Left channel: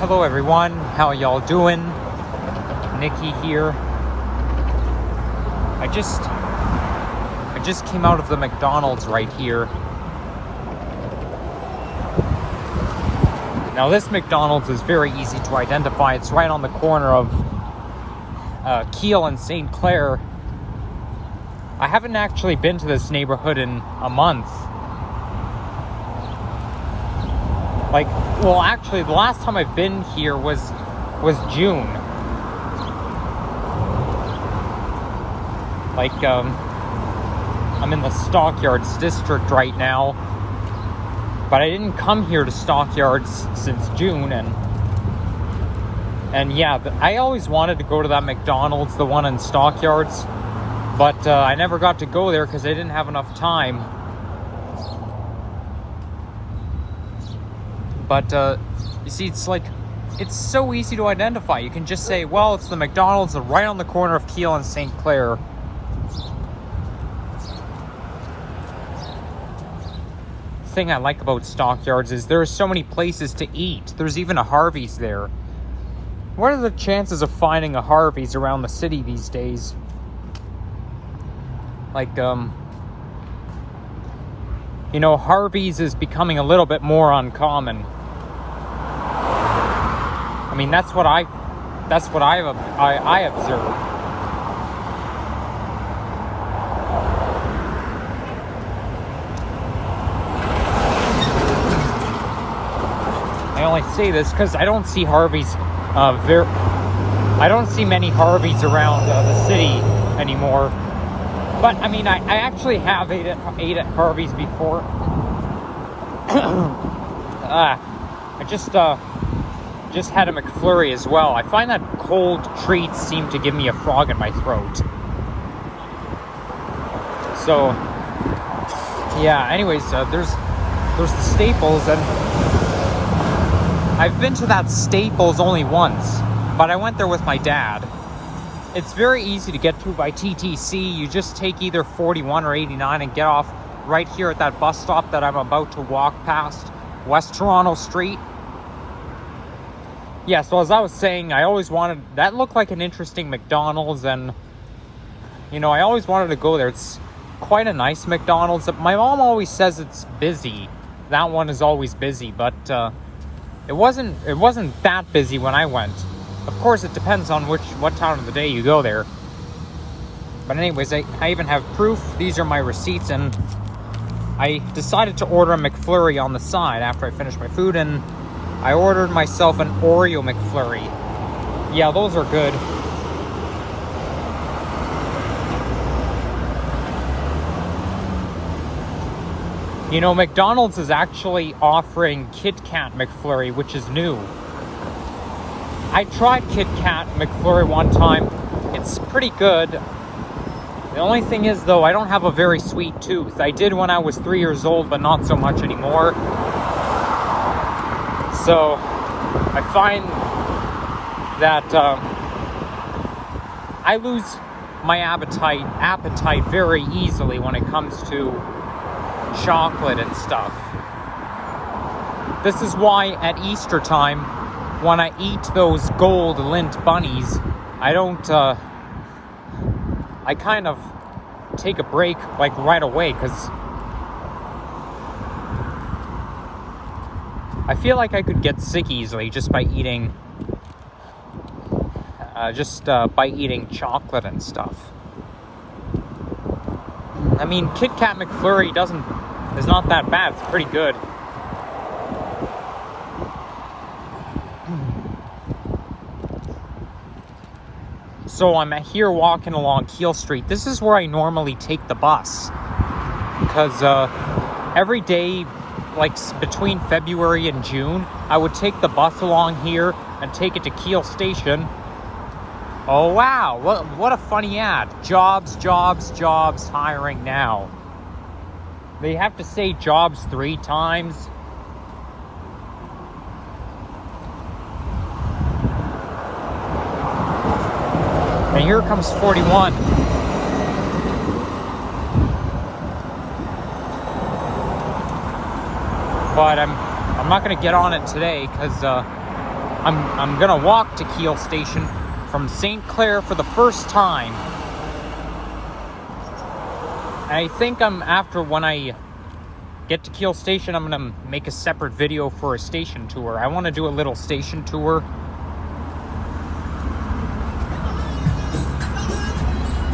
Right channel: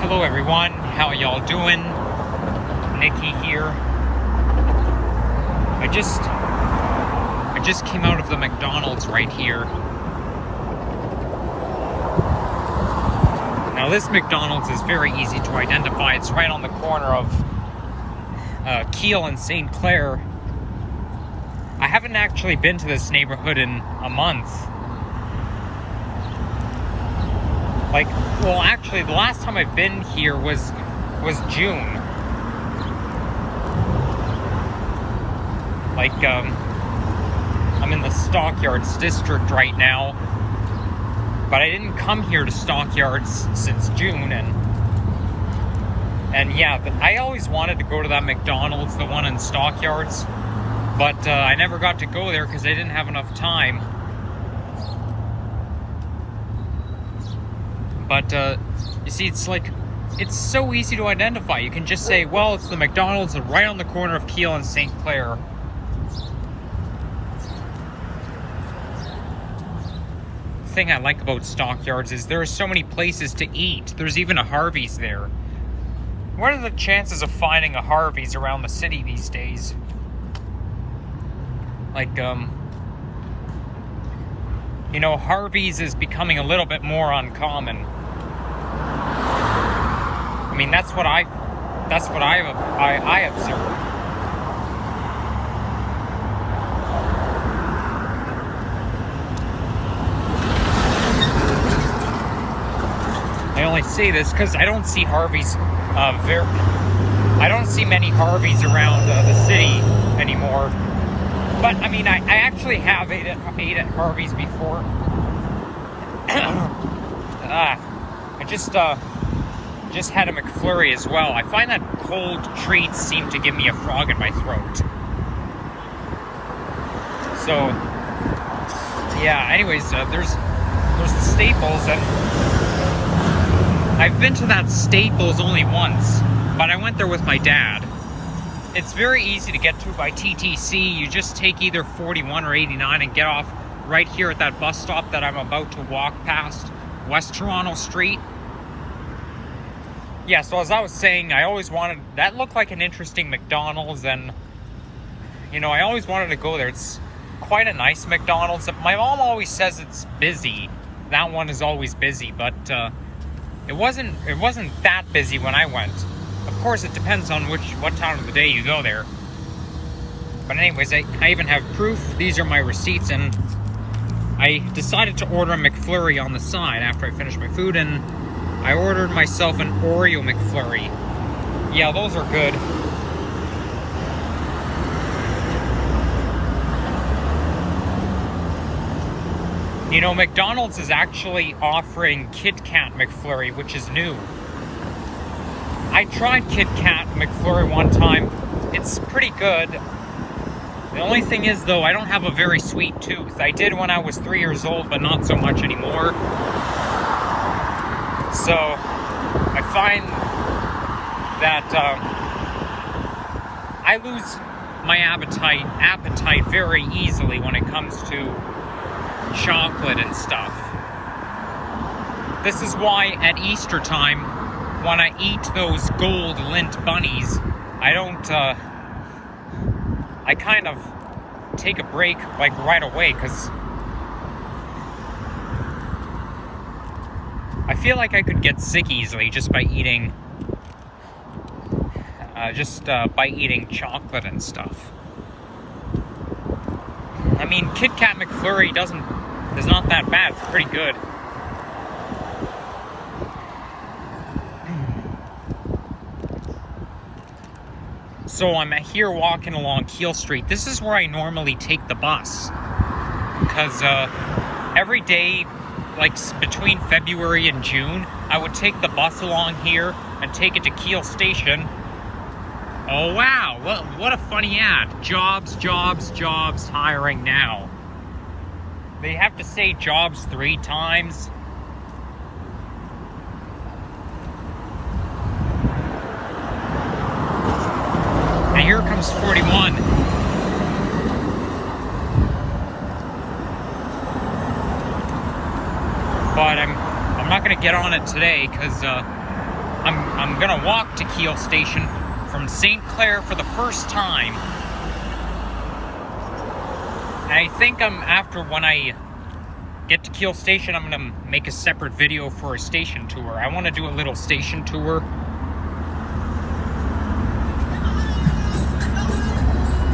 Hello everyone, how y'all doing? Nikki here. I just came out of the McDonald's right here. Now this McDonald's is very easy to identify. It's right on the corner of Keele and St. Clair. I haven't actually been to this neighborhood in a month. Well, actually, the last time I've been here was June. I'm in the Stockyards district right now, but I didn't come here to Stockyards since June, and yeah, I always wanted to go to that McDonald's, the one in Stockyards, but I never got to go there because I didn't have enough time. But you see, it's so easy to identify. You can just say, well, it's the McDonald's right on the corner of Keele and St. Clair. The thing I like about Stockyards is there are so many places to eat. There's even a Harvey's there. What are the chances of finding a Harvey's around the city these days? You know, Harvey's is becoming a little bit more uncommon. I mean, that's what I observed. I only say this because I don't see Harvey's I don't see many Harvey's around the city anymore. But I mean, I actually have ate at Harvey's before. I just had a McFlurry as well. I find that cold treats seem to give me a frog in my throat. So yeah. Anyways, there's the Staples, and I've been to that Staples only once, but I went there with my dad. It's very easy to get to by TTC. You just take either 41 or 89 and get off right here at that bus stop that I'm about to walk past, West Toronto Street. Yeah, so as I was saying, I always wanted, that looked like an interesting McDonald's, and you know, I always wanted to go there. It's quite a nice McDonald's. My mom always says it's busy. That one is always busy, but it wasn't that busy when I went. Of course, it depends on what time of the day you go there. But anyways, I even have proof. These are my receipts, and I decided to order a McFlurry on the side after I finished my food, and I ordered myself an Oreo McFlurry. Yeah, those are good. You know, McDonald's is actually offering Kit Kat McFlurry, which is new. I tried Kit Kat McFlurry one time. It's pretty good. The only thing is, though, I don't have a very sweet tooth. I did when I was 3 years old, but not so much anymore. So I find that I lose my appetite very easily when it comes to chocolate and stuff. This is why at Easter time, when I eat those gold Lindt bunnies, I don't, I kind of take a break like right away, because I feel like I could get sick easily just by eating, chocolate and stuff. I mean, Kit Kat McFlurry is not that bad. It's pretty good. So I'm here walking along Keele Street. This is where I normally take the bus, because every day, like between February and June, I would take the bus along here and take it to Keele Station. Oh wow, what a funny ad. Jobs, jobs, jobs, hiring now. They have to say jobs 3 times. And here comes 41. But I'm not gonna get on it today because I'm gonna walk to Keele Station from St. Clair for the first time. I think when I get to Keele Station, I'm gonna make a separate video for a station tour. I want to do a little station tour.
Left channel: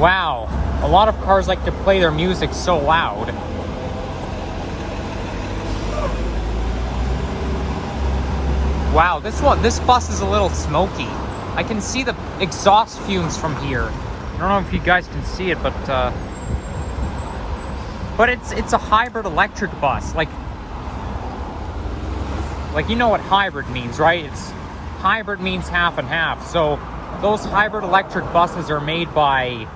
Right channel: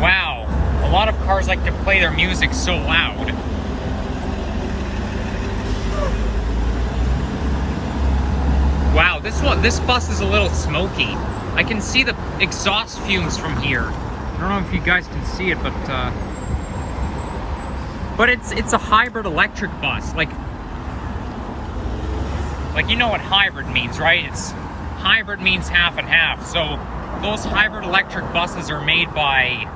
Wow, a lot of cars like to play their music so loud. Wow, this bus is a little smoky. I can see the exhaust fumes from here. I don't know if you guys can see it, but it's a hybrid electric bus. Like you know what hybrid means, right? Hybrid means half and half. So those hybrid electric buses are made by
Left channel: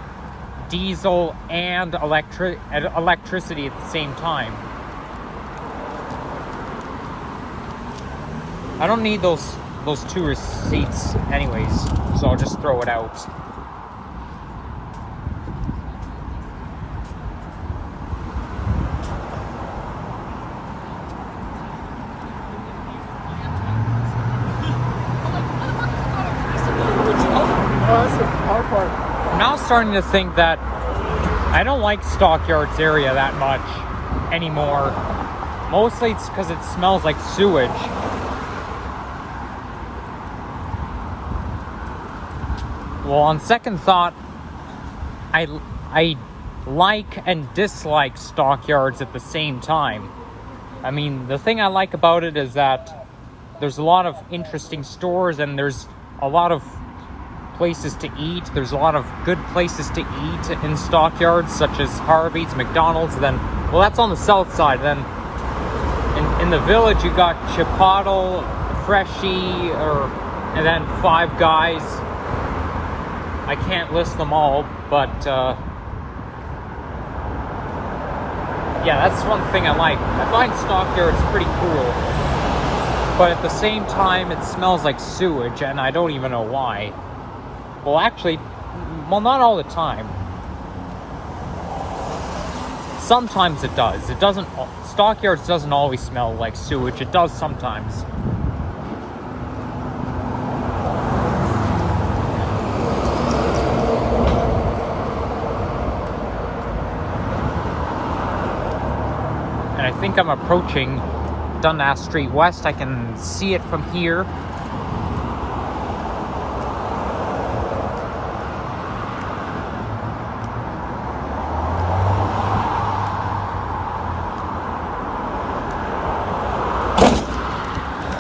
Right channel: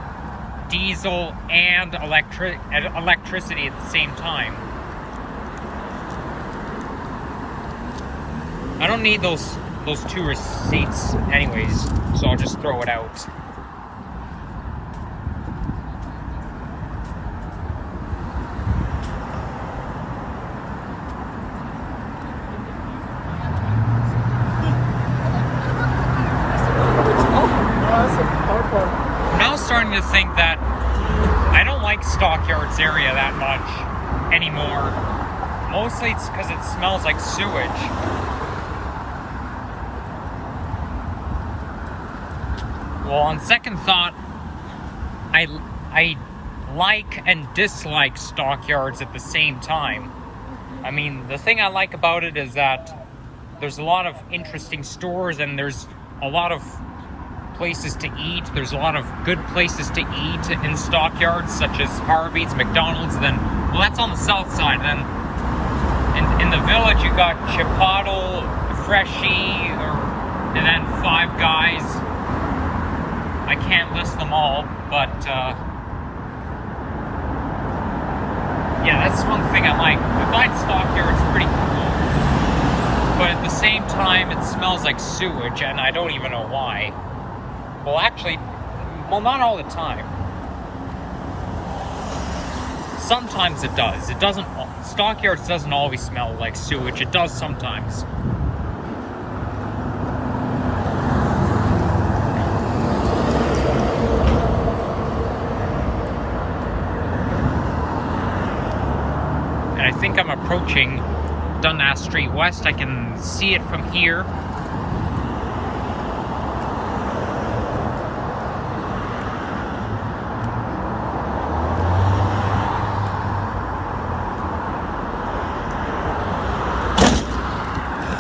diesel and electricity at the same time. I don't need those two receipts anyways, so I'll just throw it out. I'm now starting to think that I don't like Stockyards area that much anymore. Mostly it's because it smells like sewage. Well, on second thought, I like and dislike Stockyards at the same time. I mean, the thing I like about it is that there's a lot of interesting stores and there's a lot of places to eat. There's a lot of good places to eat in Stockyards, such as Arby's, McDonald's. Then, well, that's on the south side. Then, in the village, you got Chipotle, Freshie, and then Five Guys. I can't list them all, but yeah, that's one thing I like. I find Stockyards pretty cool, but at the same time, it smells like sewage, and I don't even know why. Well, actually, not all the time. Sometimes it does. It doesn't. Stockyards doesn't always smell like sewage. It does sometimes. I think I'm approaching Dundas Street West. I can see it from here.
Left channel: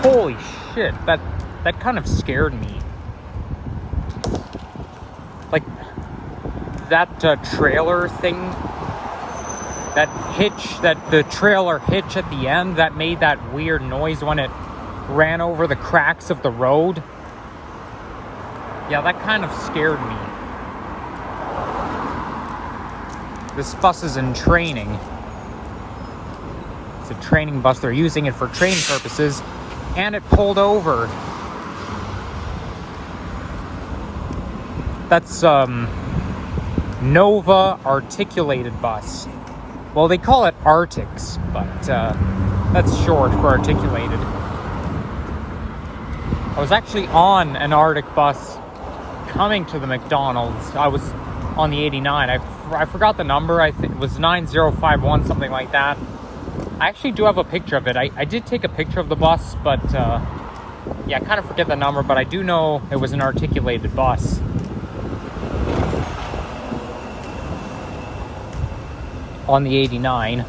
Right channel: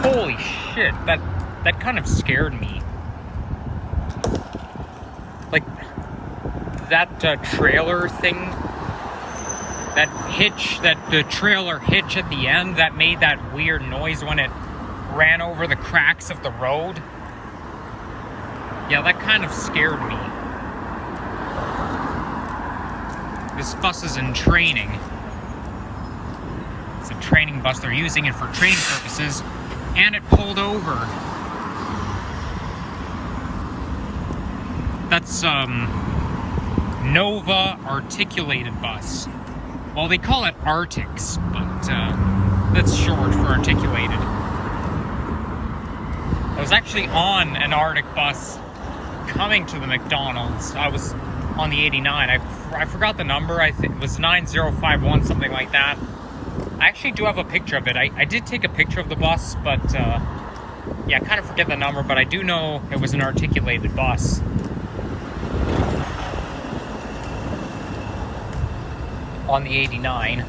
Holy shit, that kind of scared me. Like, that trailer thing, that hitch, the trailer hitch at the end that made that weird noise when it ran over the cracks of the road. Yeah, that kind of scared me. This bus is in training. It's a training bus. They're using it for training purposes. And it pulled over. That's Nova articulated bus. Well, they call it Arctics, but that's short for articulated. I was actually on an Arctic bus coming to the McDonald's. I was on the 89. I forgot the number. I think it was 9051, something like that. I actually do have a picture of it. I did take a picture of the bus, but yeah, I kind of forget the number, but I do know it was an articulated bus. On the 89.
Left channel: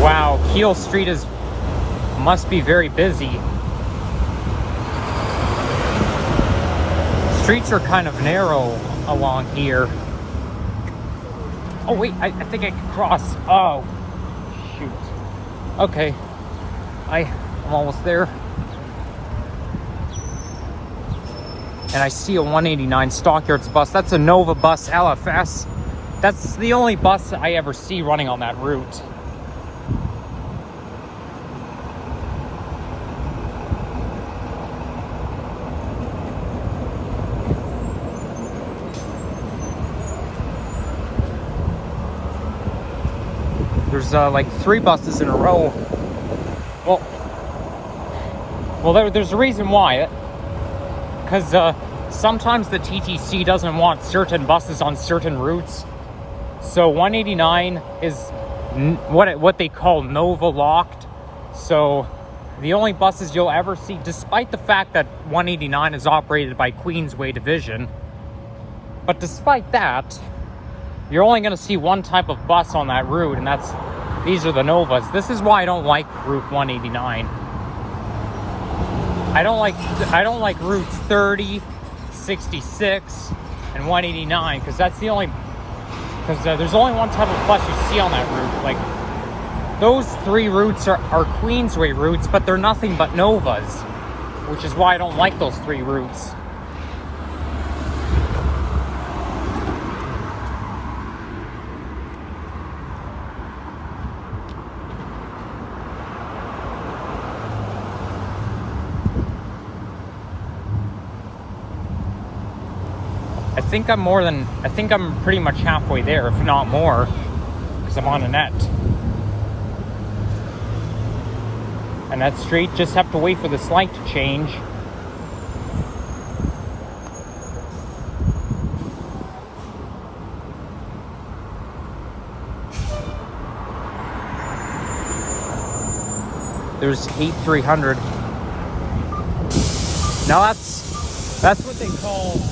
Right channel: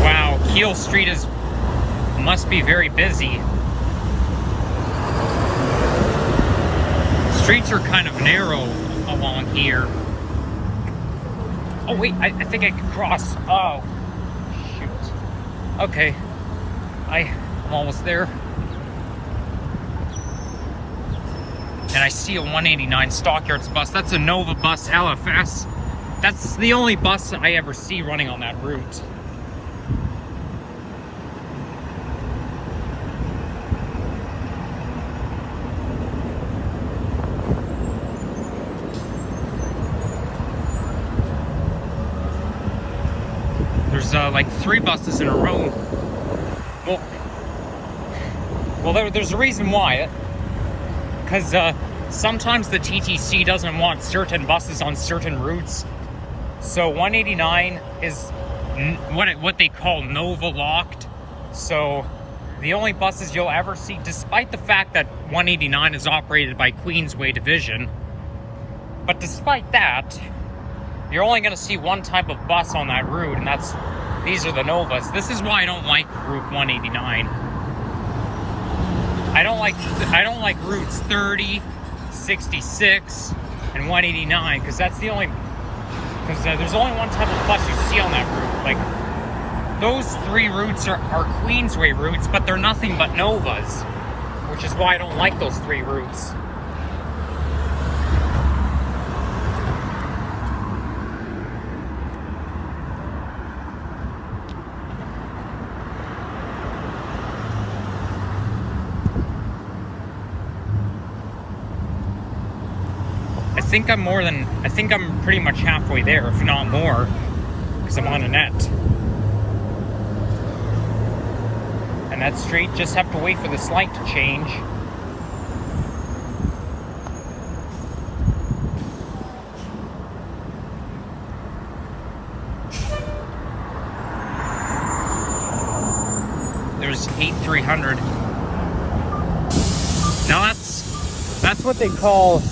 Wow, Keele Street must be very busy. Streets are kind of narrow along here. Oh wait, I think I can cross. Oh, shoot. Okay, I'm almost there. And I see a 189 Stockyards bus. That's a Nova bus LFS. That's the only bus I ever see running on that route. There's like 3 buses in a row. Well, there's a reason why. Because sometimes the TTC doesn't want certain buses on certain routes. So 189 is what they call Nova locked. So the only buses you'll ever see, despite the fact that 189 is operated by Queensway Division, but despite that, you're only going to see one type of bus on that route, and these are the Novas. This is why I don't like Route 189. I don't like routes 30, 66, and 189 because there's only one type of bus you see on that route. Like, those 3 routes are Queensway routes, but they're nothing but Novas, which is why I don't like those 3 routes. I think I'm pretty much halfway there, if not more, because I'm on a net. And that's straight, just have to wait for this light to change. There's 8300. Now that's what they call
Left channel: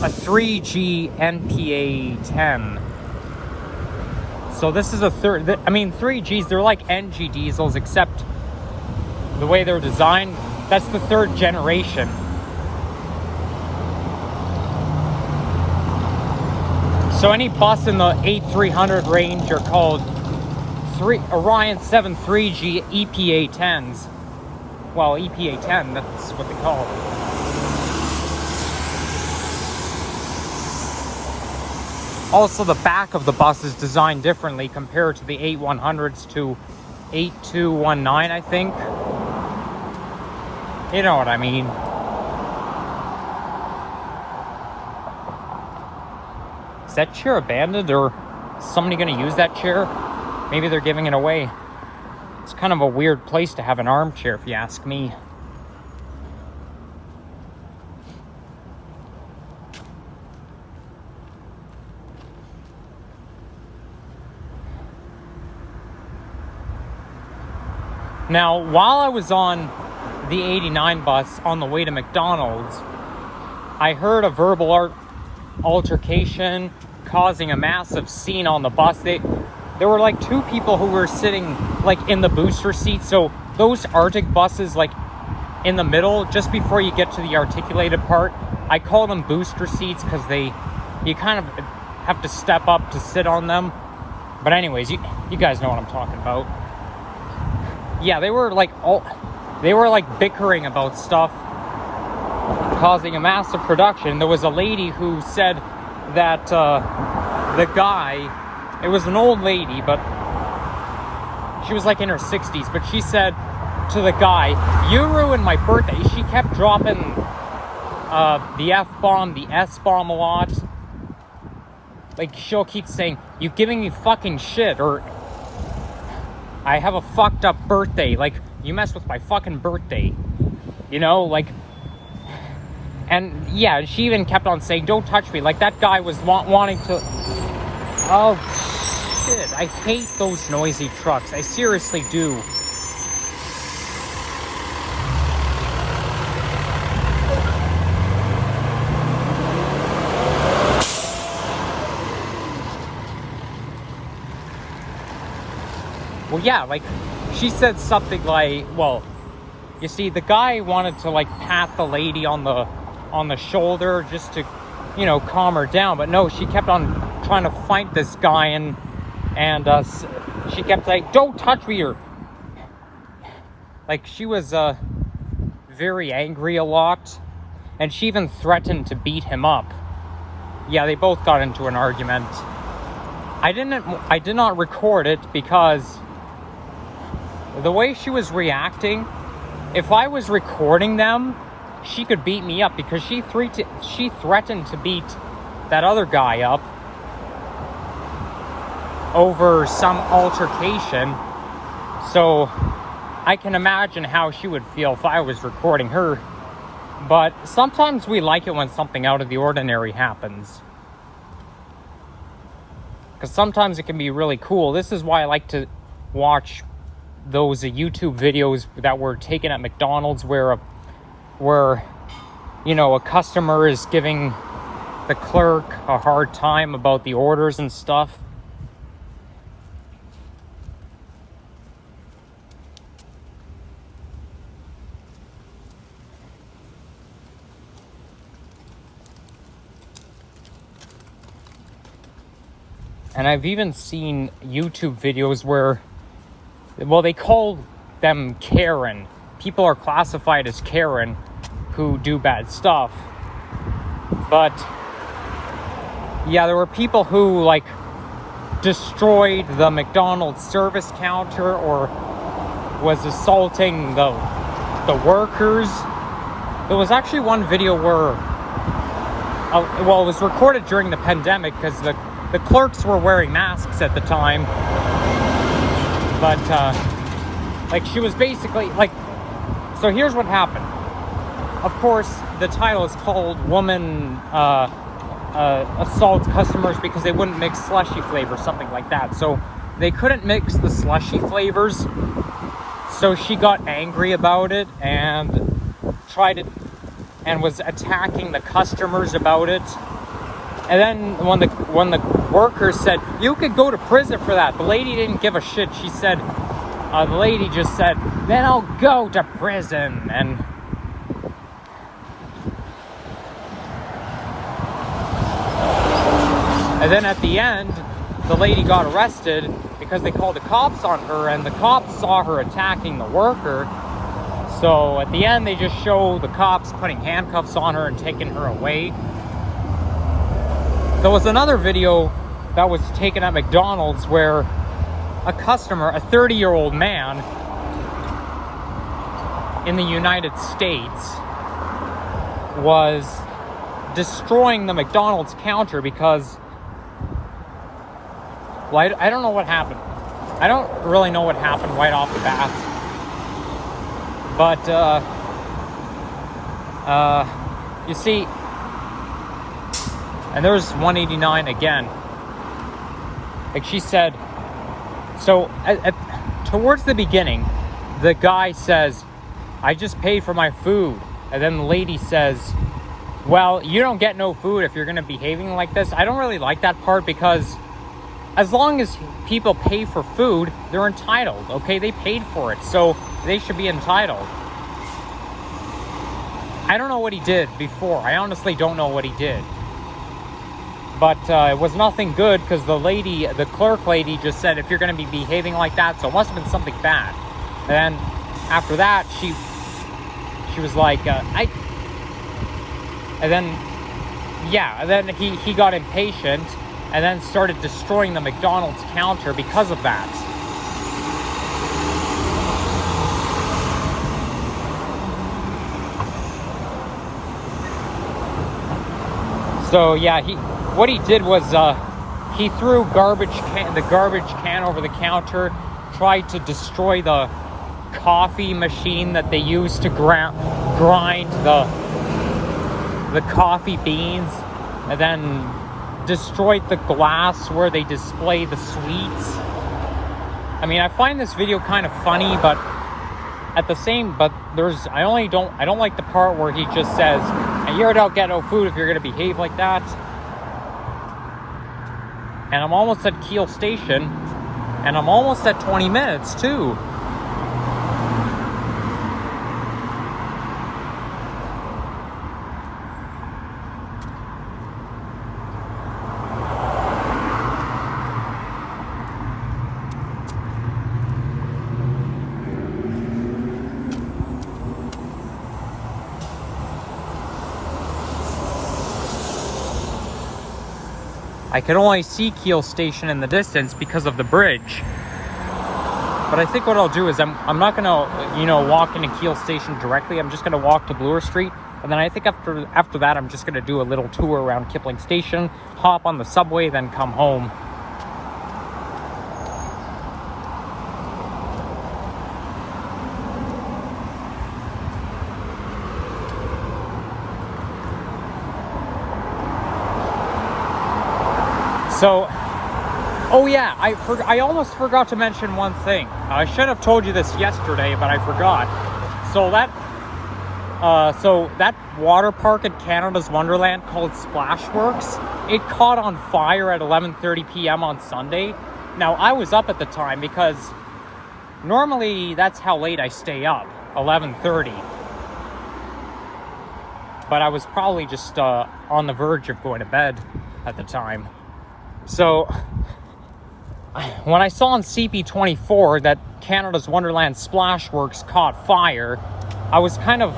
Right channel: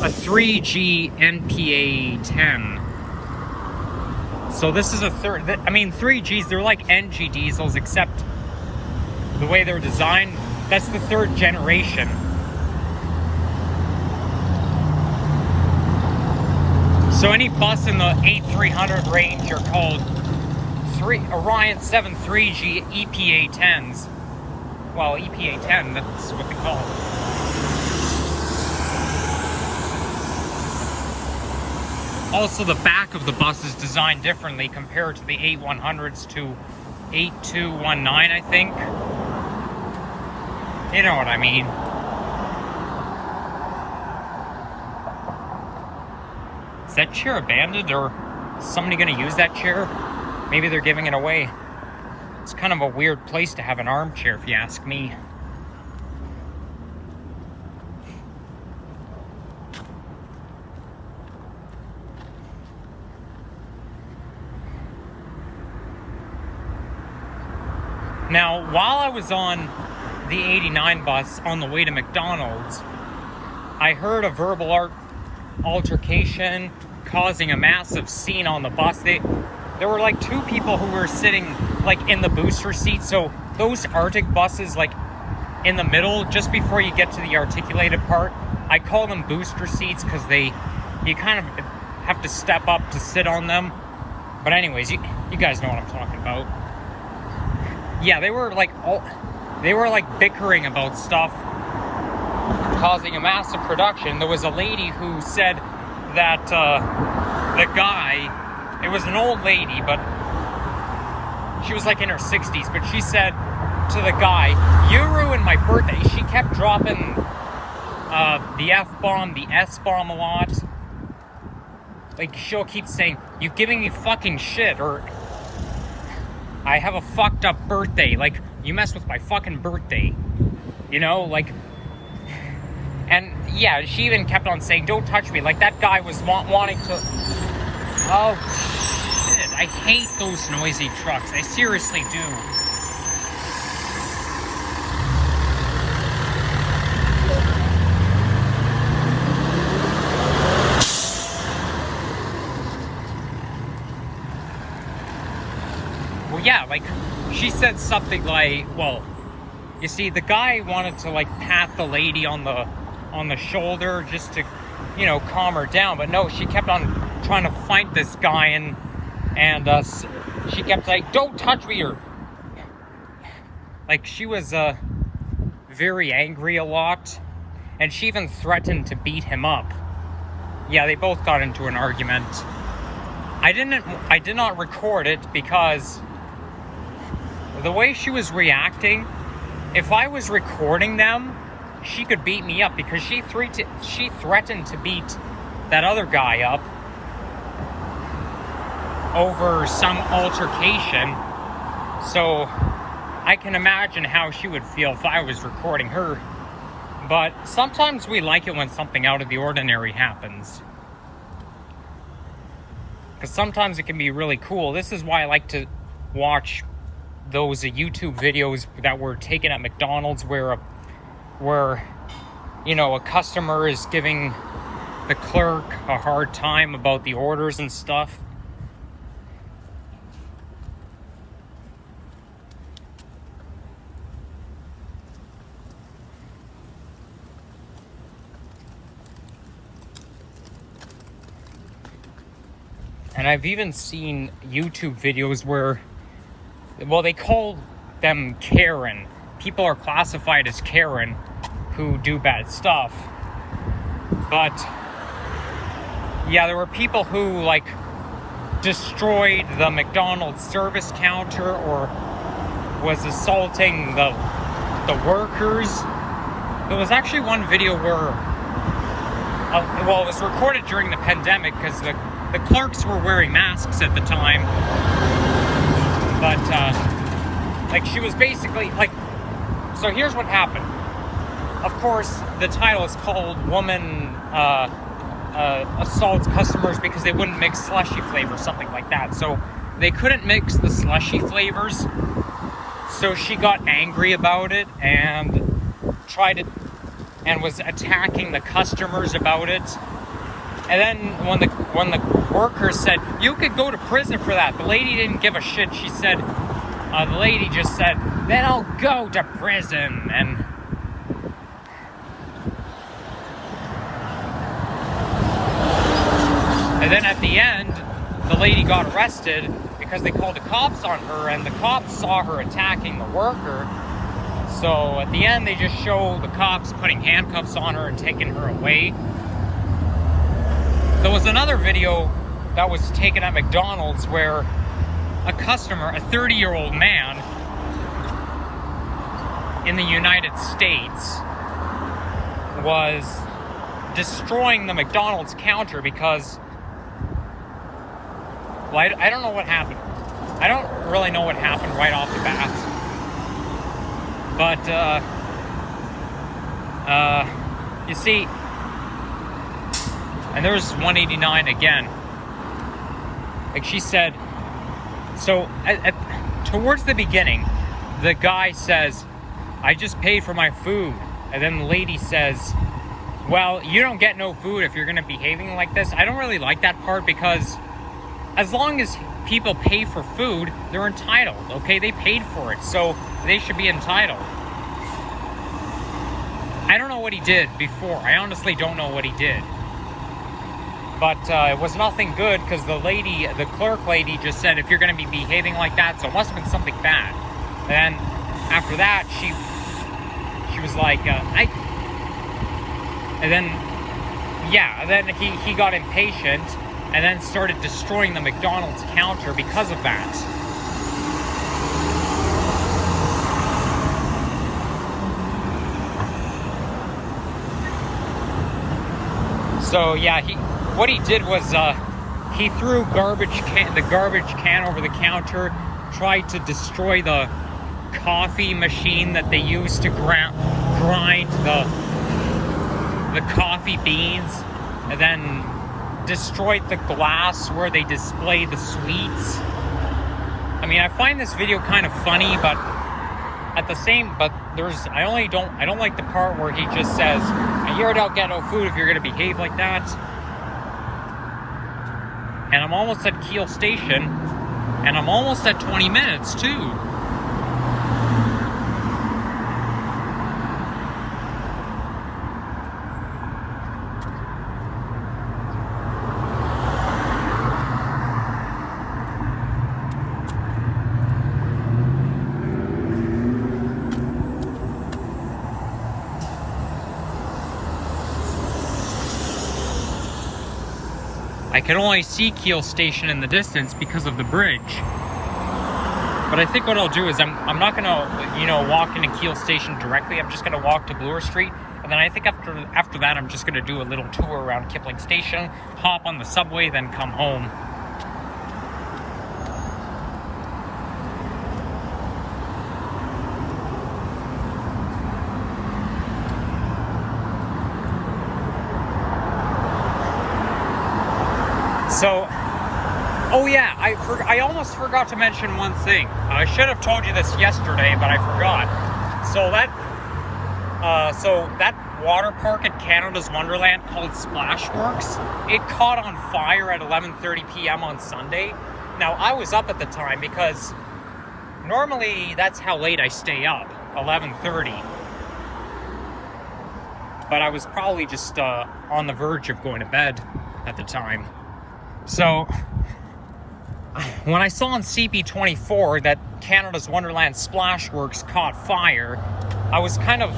a 3G NPA 10. So this is 3Gs, they're like NG diesels, except the way they're designed, that's the 3rd generation. So any bus in the 8300 range are called Orion 7 3G EPA 10s. Well, EPA 10, that's what they call it. Also, the back of the bus is designed differently compared to the 8100s to 8219, I think. You know what I mean. Is that chair abandoned, or is somebody going to use that chair? Maybe they're giving it away. It's kind of a weird place to have an armchair, if you ask me. Now, while I was on the 89 bus on the way to McDonald's, I heard a verbal altercation causing a massive scene on the bus. There were like 2 people who were sitting like in the booster seat. So those Arctic buses, like in the middle, just before you get to the articulated part, I call them booster seats because you kind of have to step up to sit on them. But anyways, you guys know what I'm talking about. Yeah, they were like bickering about stuff, causing a massive production. There was a lady who said that the guy, it was an old lady, but she was like in her 60s, but she said to the guy, "You ruined my birthday." She kept dropping the F-bomb, the S-bomb a lot. Like, she'll keep saying, "You giving me fucking shit," or "I have a fucked up birthday." Like, you messed with my fucking birthday. You know, like... And, yeah, she even kept on saying, "Don't touch me." Like, that guy was wanting to... Oh, shit. I hate those noisy trucks. I seriously do. Well, yeah, like, she said something like, well, you see, the guy wanted to, like, pat the lady on the shoulder just to, you know, calm her down, but no, she kept on trying to fight this guy, and she kept saying, "Don't touch me," or, like, she was, very angry a lot, and she even threatened to beat him up. Yeah, they both got into an argument. I did not record it because the way she was reacting, if I was recording them, she could beat me up because she threatened to beat that other guy up. over some altercation. So I can imagine how she would feel if I was recording her. But sometimes we like it when something out of the ordinary happens, because sometimes it can be really cool. This is why I like to watch those YouTube videos that were taken at McDonald's where you know, a customer is giving the clerk a hard time about the orders and stuff. And I've even seen YouTube videos where, well, they call them Karen. People are classified as Karen who do bad stuff. But yeah, there were people who like destroyed the McDonald's service counter or was assaulting the workers. There was actually one video where, well, it was recorded during the pandemic because the clerks were wearing masks at the time. But like, she was basically like, so here's what happened. Of course, the title is called Woman Assaults Customers because they wouldn't mix slushy flavors, something like that. So they couldn't mix the slushy flavors. So she got angry about it and tried it and was attacking the customers about it. And then when the workers said, "You could go to prison for that," the lady didn't give a shit. She said, the lady just said, "Then I'll go to prison." And then at the end, the lady got arrested because they called the cops on her, and the cops saw her attacking the worker. So at the end, they just show the cops putting handcuffs on her and taking her away. There was another video that was taken at McDonald's where a customer, a 30-year-old man in the United States, was destroying the McDonald's counter because, well, I don't know what happened. I don't really know what happened right off the bat. But, you see, and there was 189 again. Like she said, so towards the beginning, the guy says, "I just paid for my food." And then the lady says, "Well, you don't get no food if you're going to be behaving like this." I don't really like that part because as long as people pay for food, they're entitled, okay? They paid for it, so they should be entitled. I don't know what he did before. I honestly don't know what he did. But it was nothing good because the clerk lady just said, "If you're going to be behaving like that," so it must have been something bad. And then after that, she was like, and then he got impatient and then started destroying the McDonald's counter because of that. So yeah, what he did was he threw the garbage can over the counter, tried to destroy the coffee machine that they use to grind the coffee beans, and then destroyed the glass where they display the sweets. I mean, I find this video kind of funny, but I don't like the part where he just says, "You don't get no food if you're gonna behave like that." And I'm almost at Keele Station, and I'm almost at 20 minutes too. I can only see Keele Station in the distance because of the bridge. But I think what I'll do is I'm not gonna, walk into Keele Station directly. I'm just gonna walk to Bloor Street, and then I think after that I'm just gonna do a little tour around Kipling Station, hop on the subway, then come home. So, oh yeah, I almost forgot to mention one thing. I should have told you this yesterday, but I forgot. So that water park at Canada's Wonderland called Splashworks, it caught on fire at 11:30 p.m. on Sunday. Now, I was up at the time because normally that's how late I stay up, 11:30. But I was probably just on the verge of going to bed at the time. So when I saw on CP24 that Canada's Wonderland Splashworks caught fire, I was kind of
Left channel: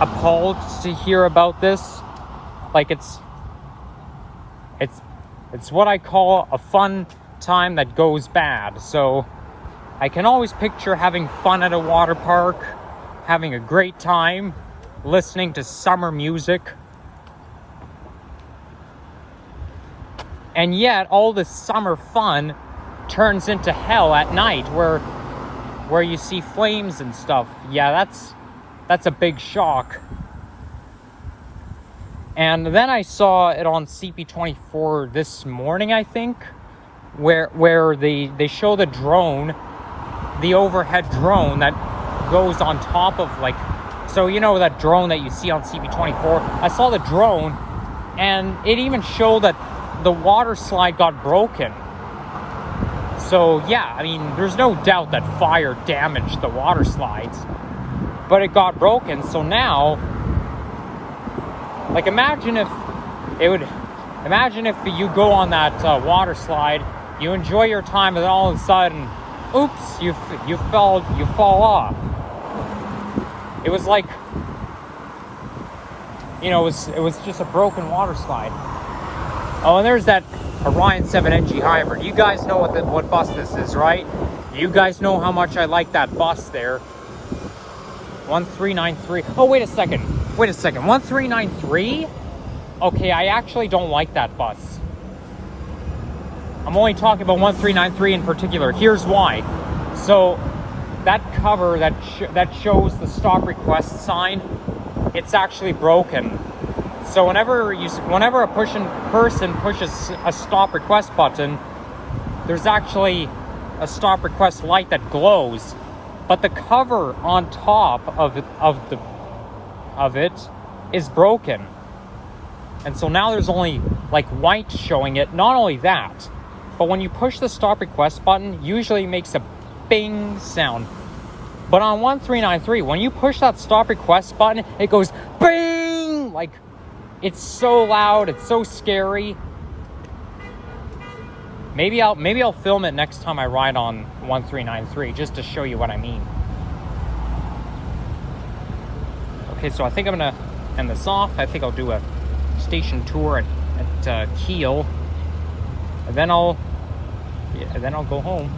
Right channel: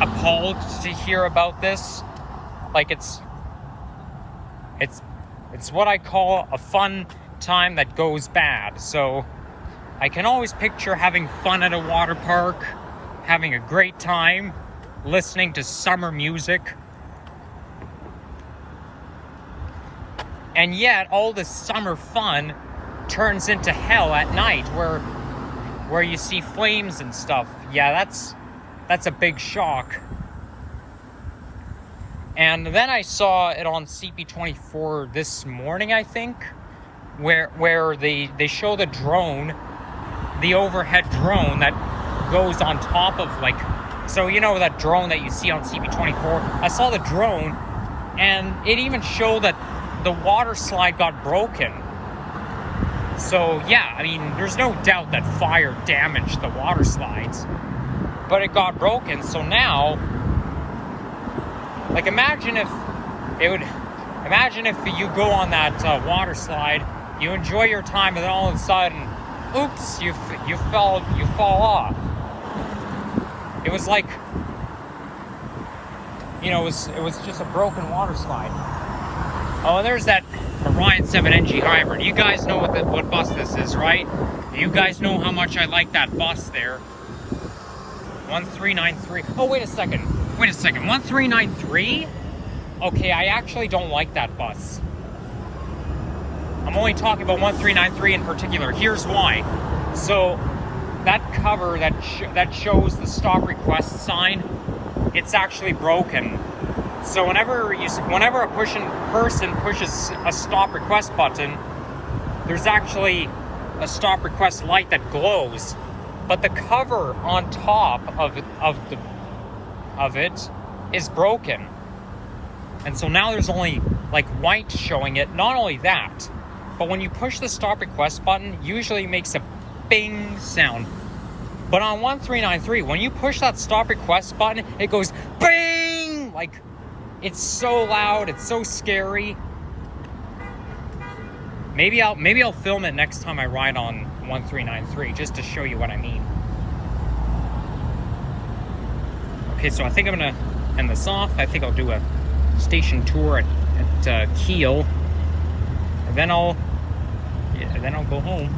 appalled to hear about this. Like, it's what I call a fun time that goes bad. So I can always picture having fun at a water park, having a great time, listening to summer music. And yet all this summer fun turns into hell at night where you see flames and stuff. Yeah, that's a big shock. And then I saw it on CP24 this morning, I think, where they show the drone, the overhead drone that goes on top of, like, so you know that drone that you see on CP24? I saw the drone, and it even showed that the water slide got broken. So yeah, I mean, there's no doubt that fire damaged the water slides, but it got broken. So now, like, imagine if you go on that water slide, you enjoy your time, and then all of a sudden, oops, you fall off. It was like, you know, it was just a broken water slide. Oh, and there's that Orion 7NG hybrid. You guys know what bus this is, right? You guys know how much I like that bus there. 1393. Oh, wait a second. 1393? Okay, I actually don't like that bus. I'm only talking about 1393 in particular. Here's why. So that cover that shows the stop request sign, it's actually broken. So whenever a person pushes a stop request button, there's actually a stop request light that glows, but the cover on top of it is broken. And so now there's only like white showing it. Not only that, but when you push the stop request button, usually it makes a bing sound. But on 1393, when you push that stop request button, it goes bing! Like, it's so loud, it's so scary. Maybe I'll film it next time I ride on 1393, just to show you what I mean. Okay, so I think I'm gonna end this off. I think I'll do a station tour at Keele, and then I'll go home.